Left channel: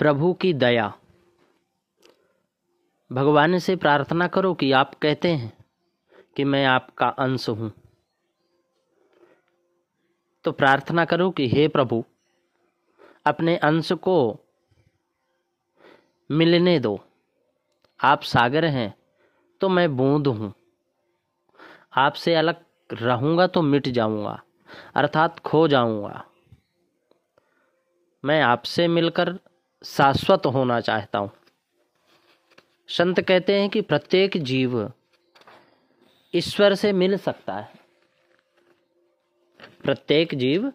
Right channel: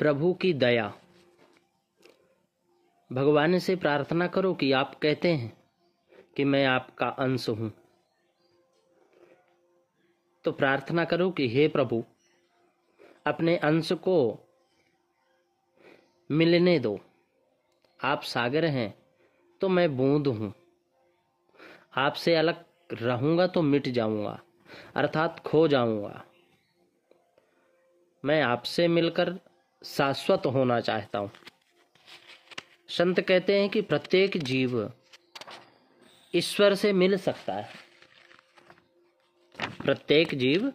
प्रभु की दया। भगवान से प्रार्थना करो कि आप कहते हैं कि मैं आपका अंश हूं, तो प्रार्थना करो कि हे प्रभु, अपने अंश को मिलने दो। आप सागर हैं तो मैं बूंद हूं, आपसे अलग रहूंगा तो मिट जाऊंगा, अर्थात खो जाऊंगा। मैं आपसे मिलकर शाश्वत होना चाहता हूं। संत कहते हैं कि प्रत्येक जीव ईश्वर से मिल सकता है, प्रत्येक जीव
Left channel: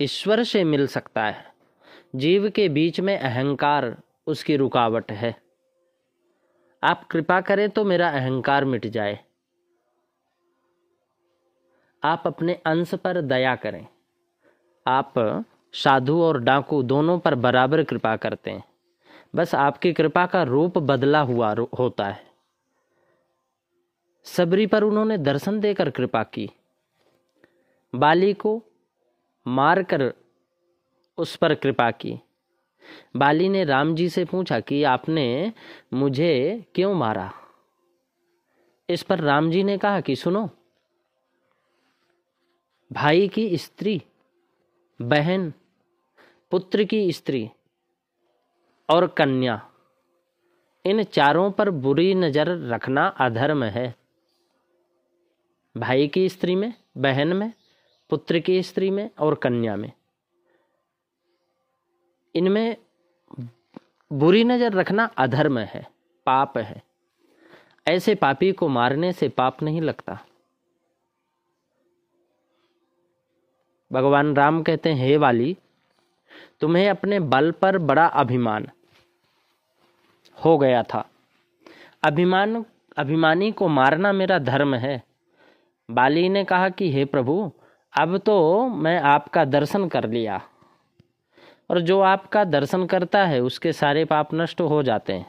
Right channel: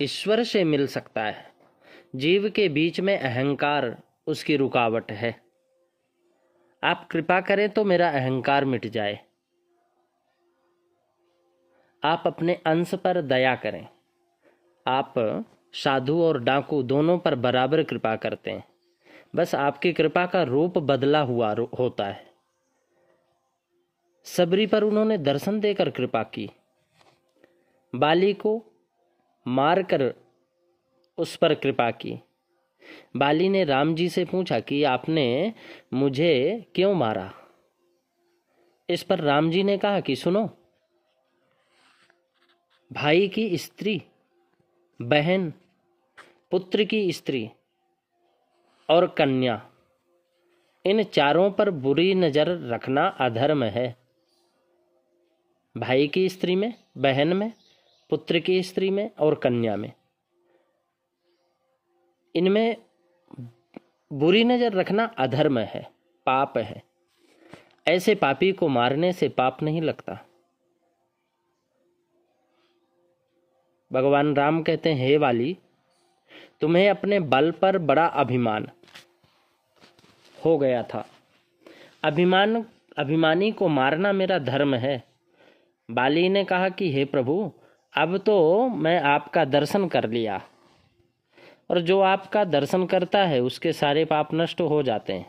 ईश्वर से मिल सकता है। जीव के बीच में अहंकार उसकी रुकावट है। आप कृपा करें तो मेरा अहंकार मिट जाए। आप अपने अंश पर दया करें। आप साधु और डाकू दोनों पर बराबर कृपा करते हैं, बस आपकी कृपा का रूप बदला हुआ होता है। सबरी पर उन्होंने दर्शन देकर कृपा की, बाली को मारकर उस पर कृपा की। बाली ने राम जी से पूछा कि आपने मुझे क्यों मारा। इस पर राम जी ने कहा कि सुनो, भाई की स्त्री, बहन, पुत्र की स्त्री और कन्या, इन चारों पर बुरी नजर रखना अधर्म है। भाई की स्त्री में, बहन में, पुत्र की स्त्री में और कन्या में, इनमें बुरी नजर रखना अधर्म है, पाप है। ऐसे पापी को मारने से पाप नहीं लगता। भगवान राम कहते हैं, हे वाली, तुम्हें अपने बल पर बड़ा अभिमान हो गया था। अभिमानी को मारना मेरा धर्म है। बाली ने कहा कि हे प्रभु, अब तो मैं आपका दर्शन कर लिया, और जो आपका दर्शन करता है उसके सारे पाप नष्ट हो जाते हैं।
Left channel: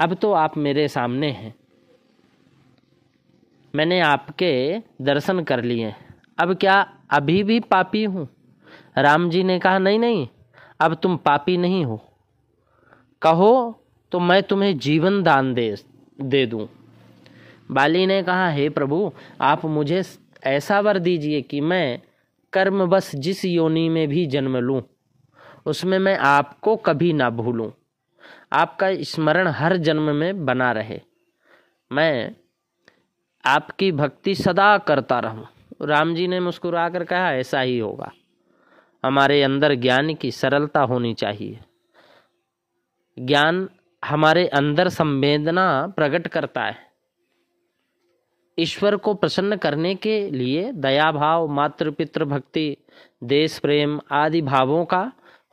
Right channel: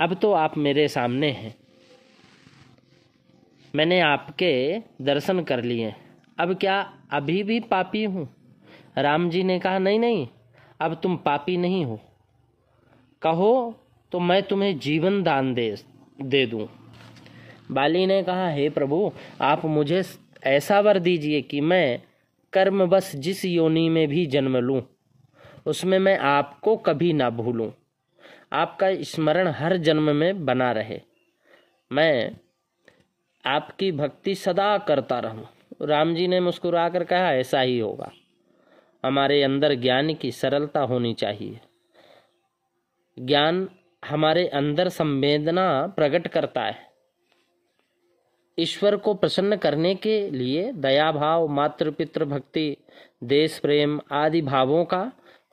अब तो आप मेरे सामने हैं, मैंने आपके दर्शन कर लिए। अब क्या अभी भी पापी हूं? राम जी ने कहा, नहीं नहीं, अब तुम पापी नहीं हो। कहो तो मैं तुम्हें जीवन दान दे दूं। बाली ने कहा, हे प्रभु, आप मुझे ऐसा वर दीजिए कि मैं कर्म बस जिस योनि में भी जन्म लूं, उसमें मैं आपको कभी ना भूलूं। आपका स्मरण हर जन्म में बना रहे, मैं आपकी भक्ति सदा करता रहूं। राम जी ने मुस्कुराकर कहा, ऐसा ही होगा। हमारे अंदर ज्ञान की सरलता होनी चाहिए। ज्ञान हमारे अंदर संवेदना प्रकट करता है। ईश्वर को प्रसन्न करने के लिए दया भाव, मातृ पितृ भक्ति, देश प्रेम आदि भावों का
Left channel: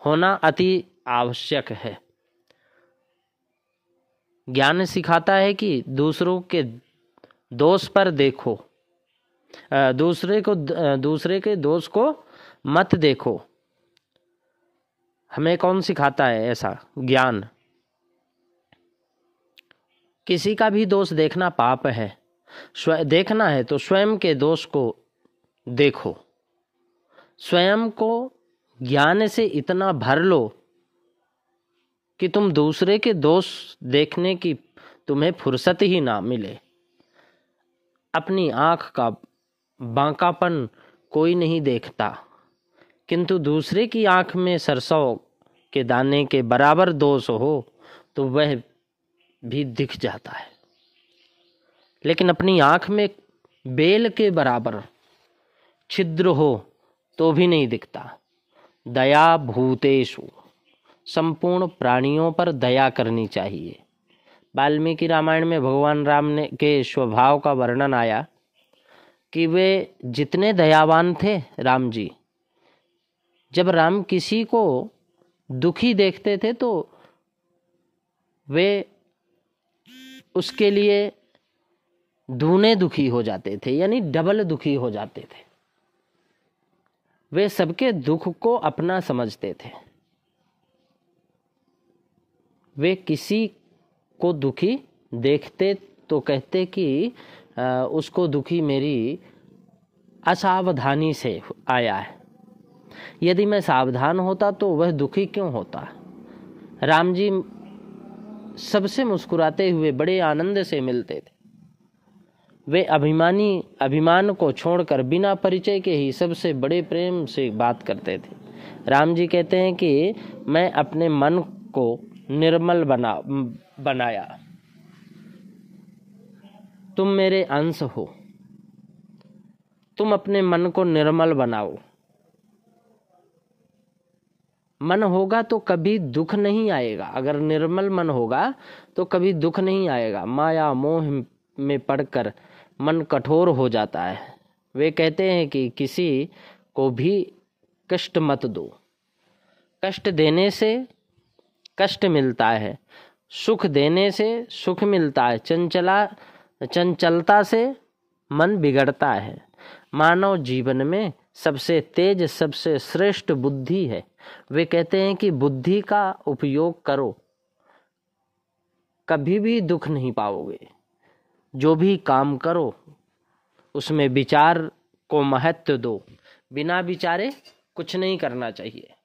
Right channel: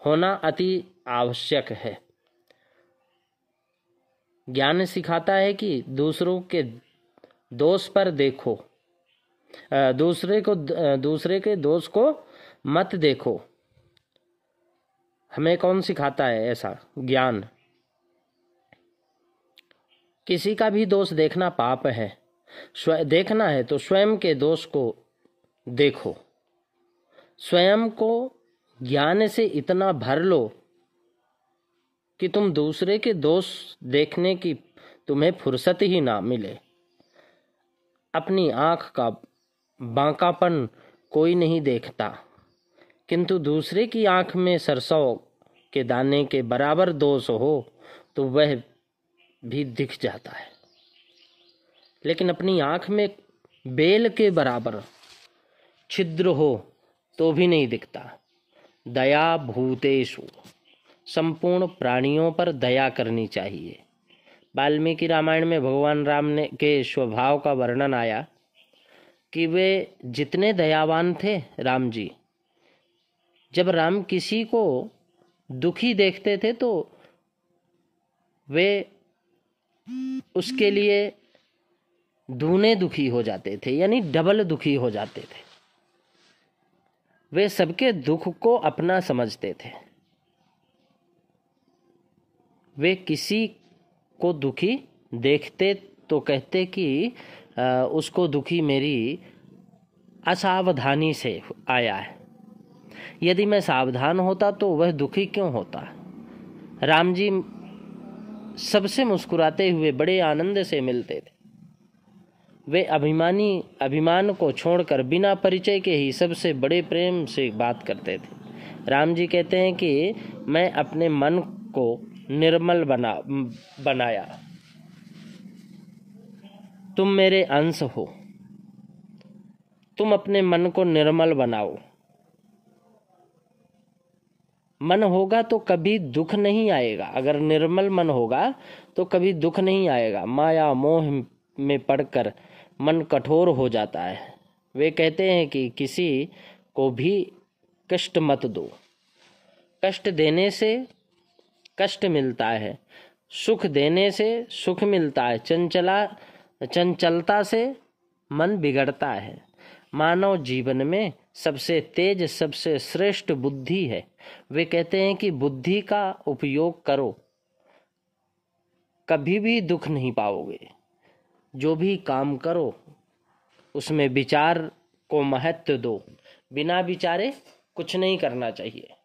होना अति आवश्यक है। ज्ञान सिखाता है कि दूसरों के दोष पर देखो, दूसरे के दोष को मत देखो। हमें कौन सिखाता है ऐसा ज्ञान? किसी का भी दोष देखना पाप है। देखना है तो स्वयं के दोष को देखो। स्वयं को ज्ञान से इतना भर लो कि तुम दूसरे के दोष देखने की तुम्हें फुर्सत ही ना मिले। अपनी आंख का बांकापन कोई नहीं देखता, किंतु दूसरे की आंख में सरसों के दाने के बराबर दोष हो तो वह भी दिख जाता है, लेकिन अपनी आंख में बेल के बराबर छिद्र हो तो भी नहीं दिखता। दया भूतेषु, संपूर्ण प्राणियों पर दया करनी चाहिए। वाल्मीकि रामायण में भगवान राम ने के स्वभाव का वर्णन आया कि वे जितने दयावान थे राम जी, जब राम किसी को दुखी देखते थे तो वे उसके लिए दूने दुखी हो जाते थे, यानी डबल दुखी हो जाते थे। वे सबके दुख को अपना समझते थे। वे किसी को दुखी देखते तो कहते कि उसको दुखी मेरी असावधानी से आया है। यदि मैं सावधान होता तो वह दुखी क्यों होता। राम जी सबसे मुस्कुराते हुए बड़े आनंद से मिलते थे। वे अभिमान को छोड़कर बिना परिचय के ही सबसे बड़े प्रेम से बात करते थे। राम जी कहते हैं कि मैं अपने मन को निर्मल बनाया, तुम मेरे अंश हो, तुम अपने मन को निर्मल बनाओ। मन होगा तो कभी दुख नहीं आएगा। अगर निर्मल मन होगा तो कभी दुख नहीं आएगा। माया मोह में पड़कर मन कठोर हो जाता है। वे कहते हैं कि किसी को भी कष्ट मत दो। कष्ट देने से कष्ट मिलता है, सुख देने से सुख मिलता है। चंचलता से मन बिगड़ता है। मानव जीवन में सबसे तेज, सबसे श्रेष्ठ बुद्धि है। वे कहते हैं कि बुद्धि का उपयोग करो, कभी भी दुख नहीं पाओगे। जो भी काम करो उसमें विचार को महत्व दो। बिना विचारे कुछ नहीं करना चाहिए।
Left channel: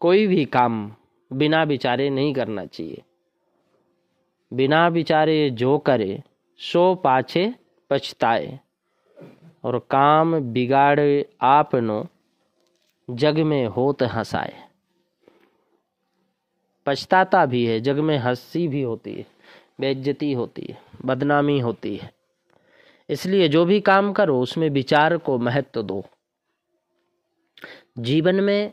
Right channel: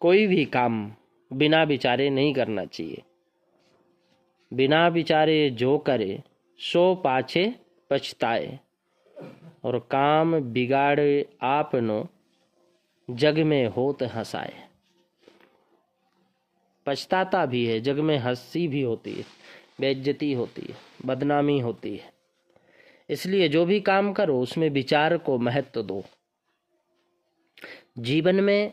कोई भी काम बिना विचारे नहीं करना चाहिए। बिना विचारे जो करे सो पाछे पछताए, और काम बिगाड़े आपनो जग में होत हंसाए। पछताता भी है, जग में हंसी भी होती है, बेइज्जती होती है, बदनामी होती है। इसलिए जो भी काम करो उसमें विचार को महत्व दो। जीवन में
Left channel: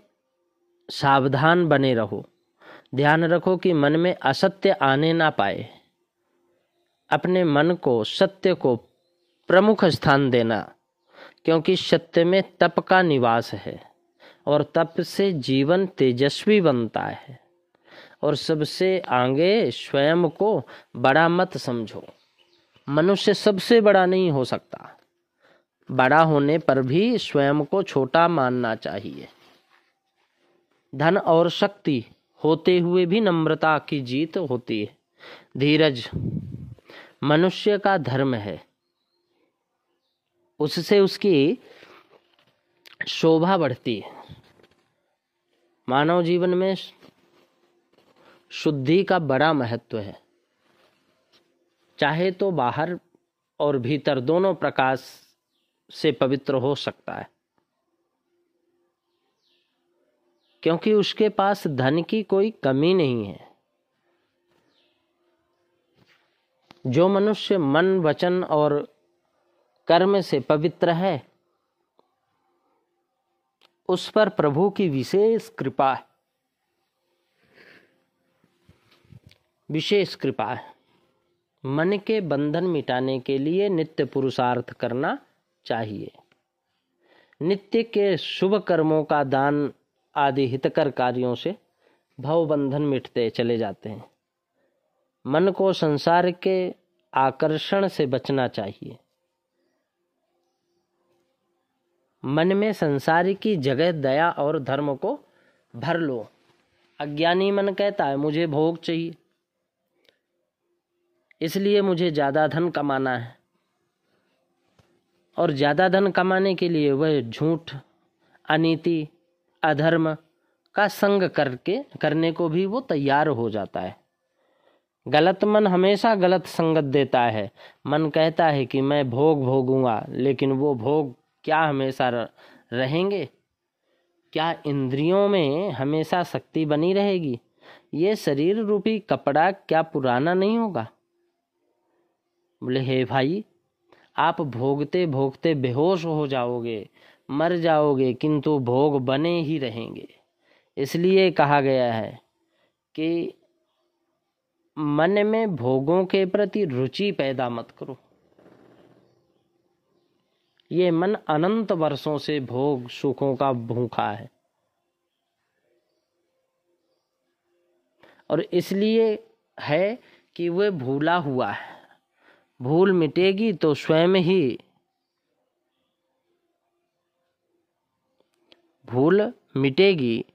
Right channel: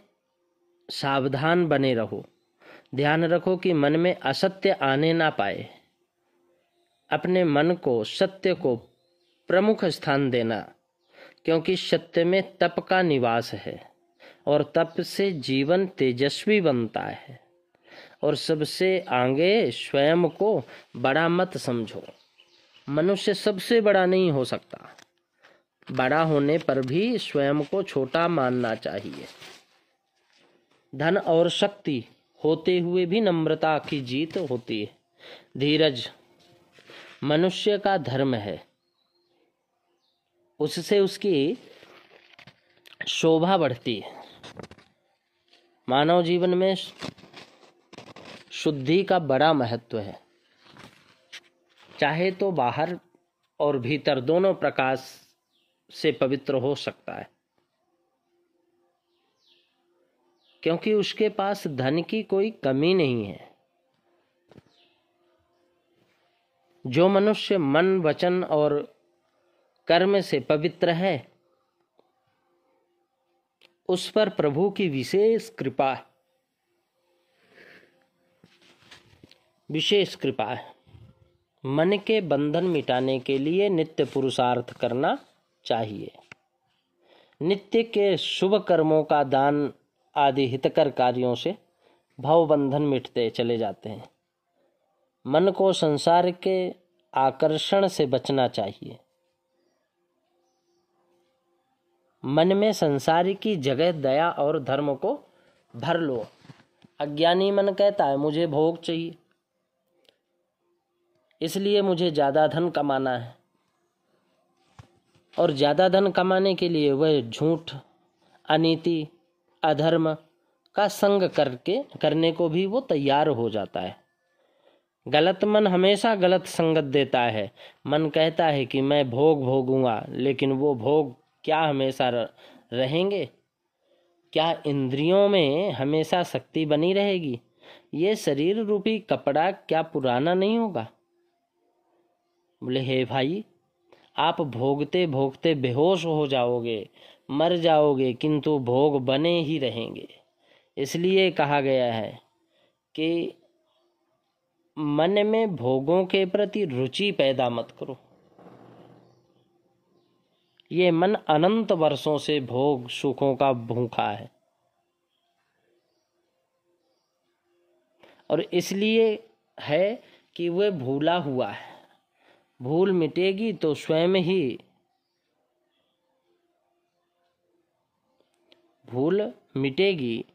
सावधान बने रहो। ध्यान रखो कि मन में असत्य आने ना पाए। अपने मन को, सत्य को प्रमुख स्थान देना, क्योंकि सत्य में तप का निवास है और तप से जीवन तेजस्वी बनता है। और सबसे आगे स्वयं को बड़ा मत समझो। मनुष्य सबसे बड़ा नहीं हो सकता। बड़ा होने पर भी स्वयं को छोटा मानना चाहिए। धन और शक्ति होते हुए भी नम्रता की जीत होती है। धीरज मनुष्य का धर्म है, उससे उसकी शोभा बढ़ती है। मानव जीवन में शुद्धि का बड़ा महत्व है। चाहे तो बाहर और भीतर दोनों प्रकाश से पवित्र हो सकता है, क्योंकि उसके पास धन की कोई कमी नहीं है। जो मनुष्य मन, वचन और कर्म से पवित्र है उस पर प्रभु की विशेष कृपा है। मन के बंधन मिटाने के लिए नित्य पुरुषार्थ करना चाहिए। नित्य के शुभ कर्मों का दान आदि हितकर कार्यों से भव बंधन मिटते चले जाते हैं। मन को संसार के आकर्षण से बचना चाहिए। मन में संसार की जगह दया और धर्म को भर लो। अज्ञानी मन कहता है मुझे भोग चाहिए, इसलिए मुझे ज्यादा धन कमाना है, और ज्यादा धन कमाने के लिए वह झूठ, अनीति, अधर्म का संग करने को भी वो तैयार हो जाता है। गलत मन हमेशा गलत संगत देता है। मन कहता है कि मैं भोग भोगूंगा, लेकिन वो भोग क्या हमेशा रहेंगे? क्या इंद्रियों में हमेशा शक्ति बनी रहेगी? ये शरीर रूपी कपड़ा क्या पुराना नहीं होगा? बोले हे भाई, आप भोगते भोगते बेहोश हो जाओगे, मर जाओगे, किंतु भोग बने ही रहेंगे। इसलिए कहा गया है कि मन में भोगों के प्रति रुचि पैदा मत करो। ये मन अनंत वर्षों से भोग सुखों का भूखा है, और इसलिए है कि वह भूला हुआ है। भूल मिटेगी तो स्वयं ही भूल मिटेगी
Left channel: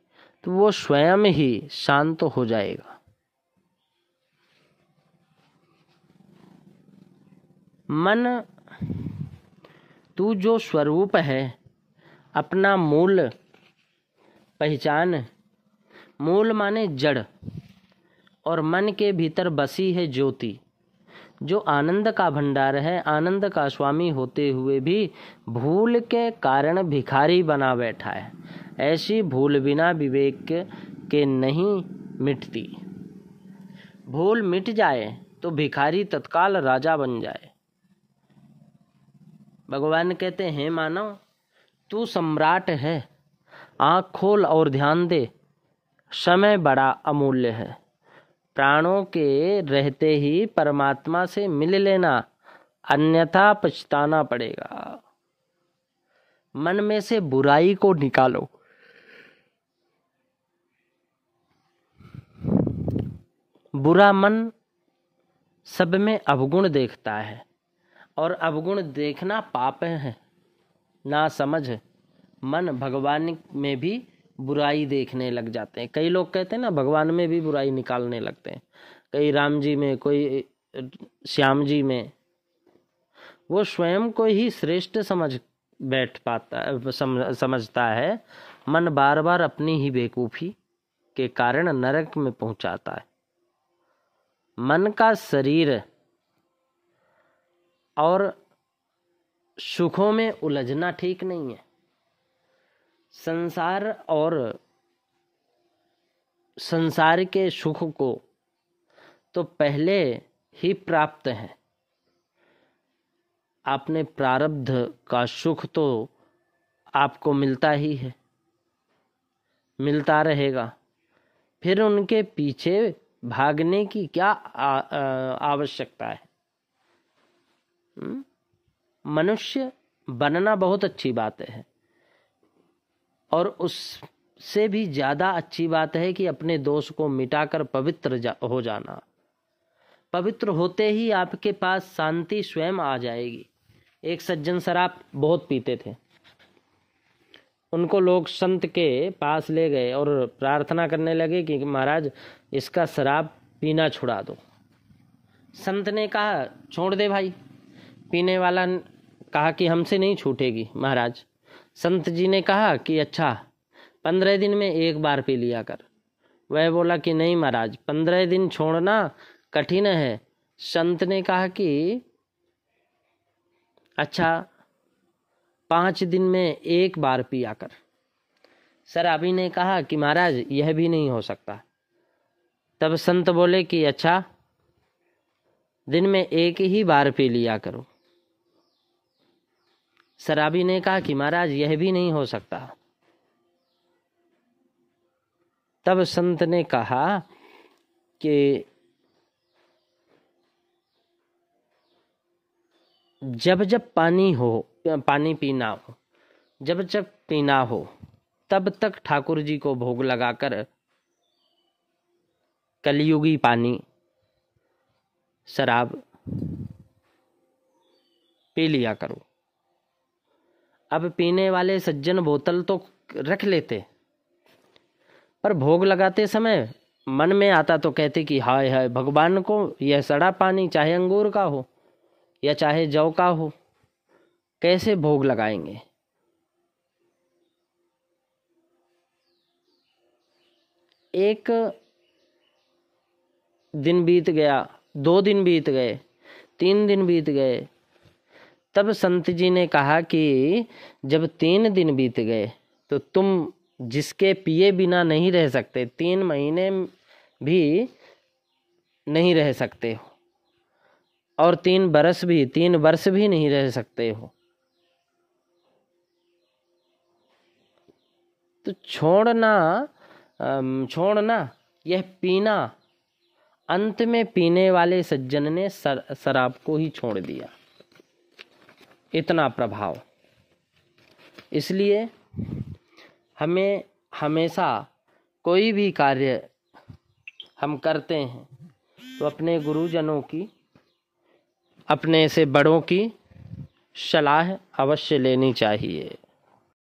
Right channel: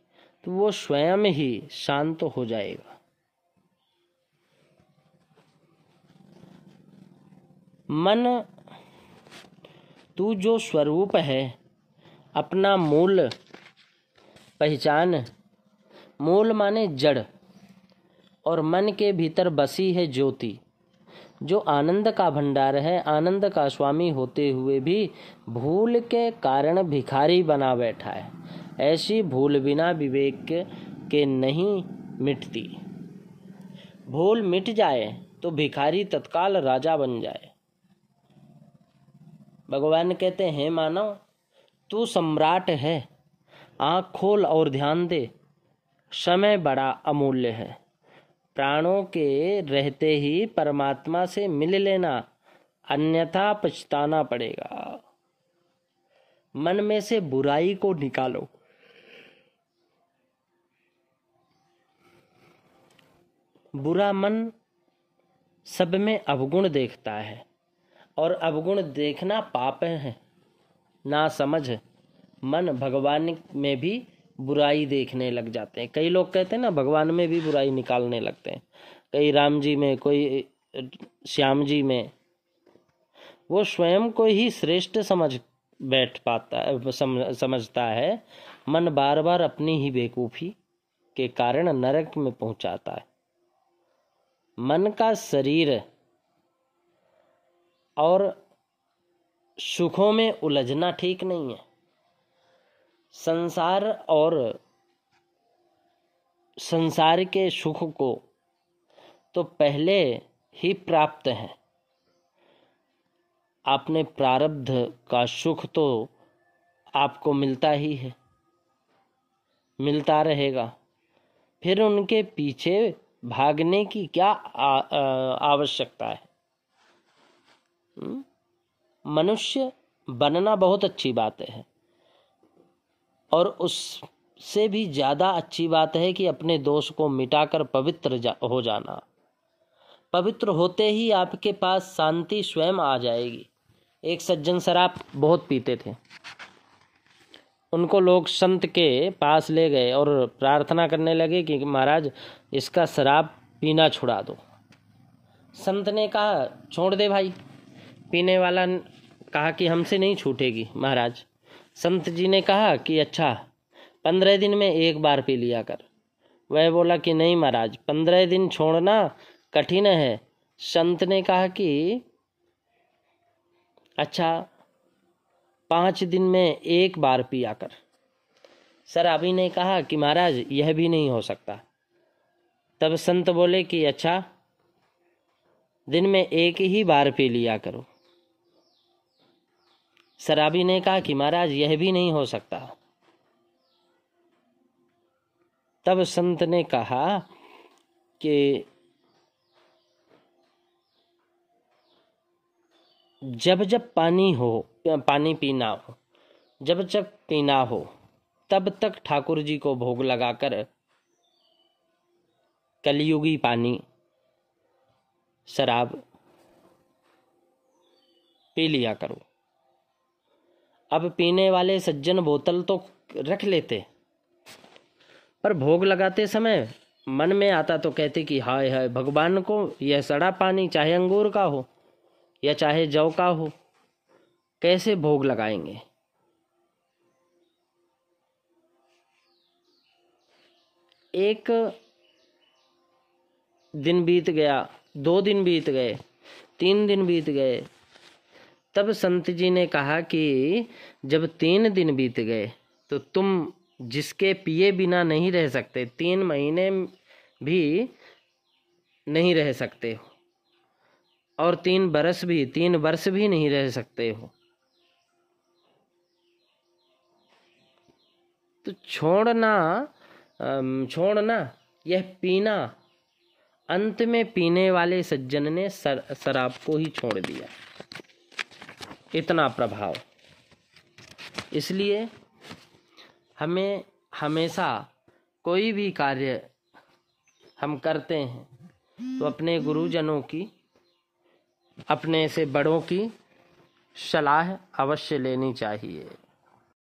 तो वो स्वयं ही शांत हो जाएगा। मन तू जो स्वरूप है, अपना मूल पहचान। मूल माने जड़, और मन के भीतर बसी है ज्योति, जो आनंद का भंडार है। आनंद का स्वामी होते हुए भी भूल के कारण भिखारी बना बैठा है। ऐसी भूल बिना विवेक के नहीं मिटती। भूल मिट जाए तो भिखारी तत्काल राजा बन जाए। भगवान कहते हैं, मानव तू सम्राट है, आँख खोल और ध्यान दे। समय बड़ा अमूल्य है। प्राणों के रहते ही परमात्मा से मिल लेना, अन्यथा पछताना पड़ेगा। मन में से बुराई को निकालो। बुरा मन सब में अवगुण देखता है, और अवगुण देखना पाप है। ना समझ मन भगवान में भी बुराई देखने लग जाते हैं। कई लोग कहते हैं ना, भगवान में भी बुराई निकालने लगते हैं। कई राम जी में, कोई श्याम जी में। वो स्वयं को ही श्रेष्ठ समझता है। मन बार बार अपनी ही बेवकूफी के कारण नरक में पहुंचाता है। मन का शरीर और सुखों में उलझना ठीक नहीं है। संसार और संसार के सुख को तो पहले ही प्राप्त है। आपने प्रारब्ध का सुख तो आपको मिलता ही है, मिलता रहेगा। फिर उनके पीछे भागने की क्या आवश्यकता है। मनुष्य बनना बहुत अच्छी बात है, और उससे भी ज्यादा अच्छी बात है कि अपने दोष को मिटाकर पवित्र हो जाना। पवित्र होते ही आपके पास शांति स्वयं आ जाएगी। एक सज्जन शराब बहुत पीते थे। उनको लोग संत के पास ले गए और प्रार्थना करने लगे कि महाराज इसका शराब पीना छुड़ा दो। संत ने कहा, छोड़ दे भाई। पीने वाला कहा कि हमसे नहीं छूटेगी महाराज। संत जी ने कहा कि अच्छा 15 दिन में एक बार पी लिया कर। वह बोला कि नहीं महाराज, 15 दिन छोड़ना कठिन है। संत ने कहा कि अच्छा 5 दिन में एक बार पिया कर। शराबी ने कहा कि महाराज यह भी नहीं हो सकता। तब संत बोले कि अच्छा दिन में एक ही बार पी लिया करो। शराबी ने कहा कि महाराज यह भी नहीं हो सकता। तब संत ने कहा कि जब जब पानी पीना हो, जब जब पीना हो, तब तक ठाकुर जी को भोग लगाकर कलयुगी पानी शराब पी लिया करो। अब पीने वाले सज्जन बोतल तो रख लेते, पर भोग लगाते समय मन में आता तो कहते कि हाय हाय भगवान को यह सड़ा पानी, चाहे अंगूर का हो या चाहे जौ का हो, कैसे भोग लगाएंगे। एक दिन बीत गया, 2 दिन बीत गए, 3 दिन बीत गए। तब संत जी ने कहा कि जब 3 दिन बीत गए तो तुम जिसके पिए बिना नहीं रह सकते, 3 महीने भी नहीं रह सकते हो, और 3 वर्ष भी नहीं रह सकते हो। तो छोड़ना यह पीना। अंत में पीने वाले सज्जन ने शराब को ही छोड़ दिया। इतना प्रभाव। इसलिए हमें हमेशा कोई भी कार्य हम करते हैं तो अपने गुरुजनों की, अपने से बड़ों की सलाह अवश्य लेनी चाहिए।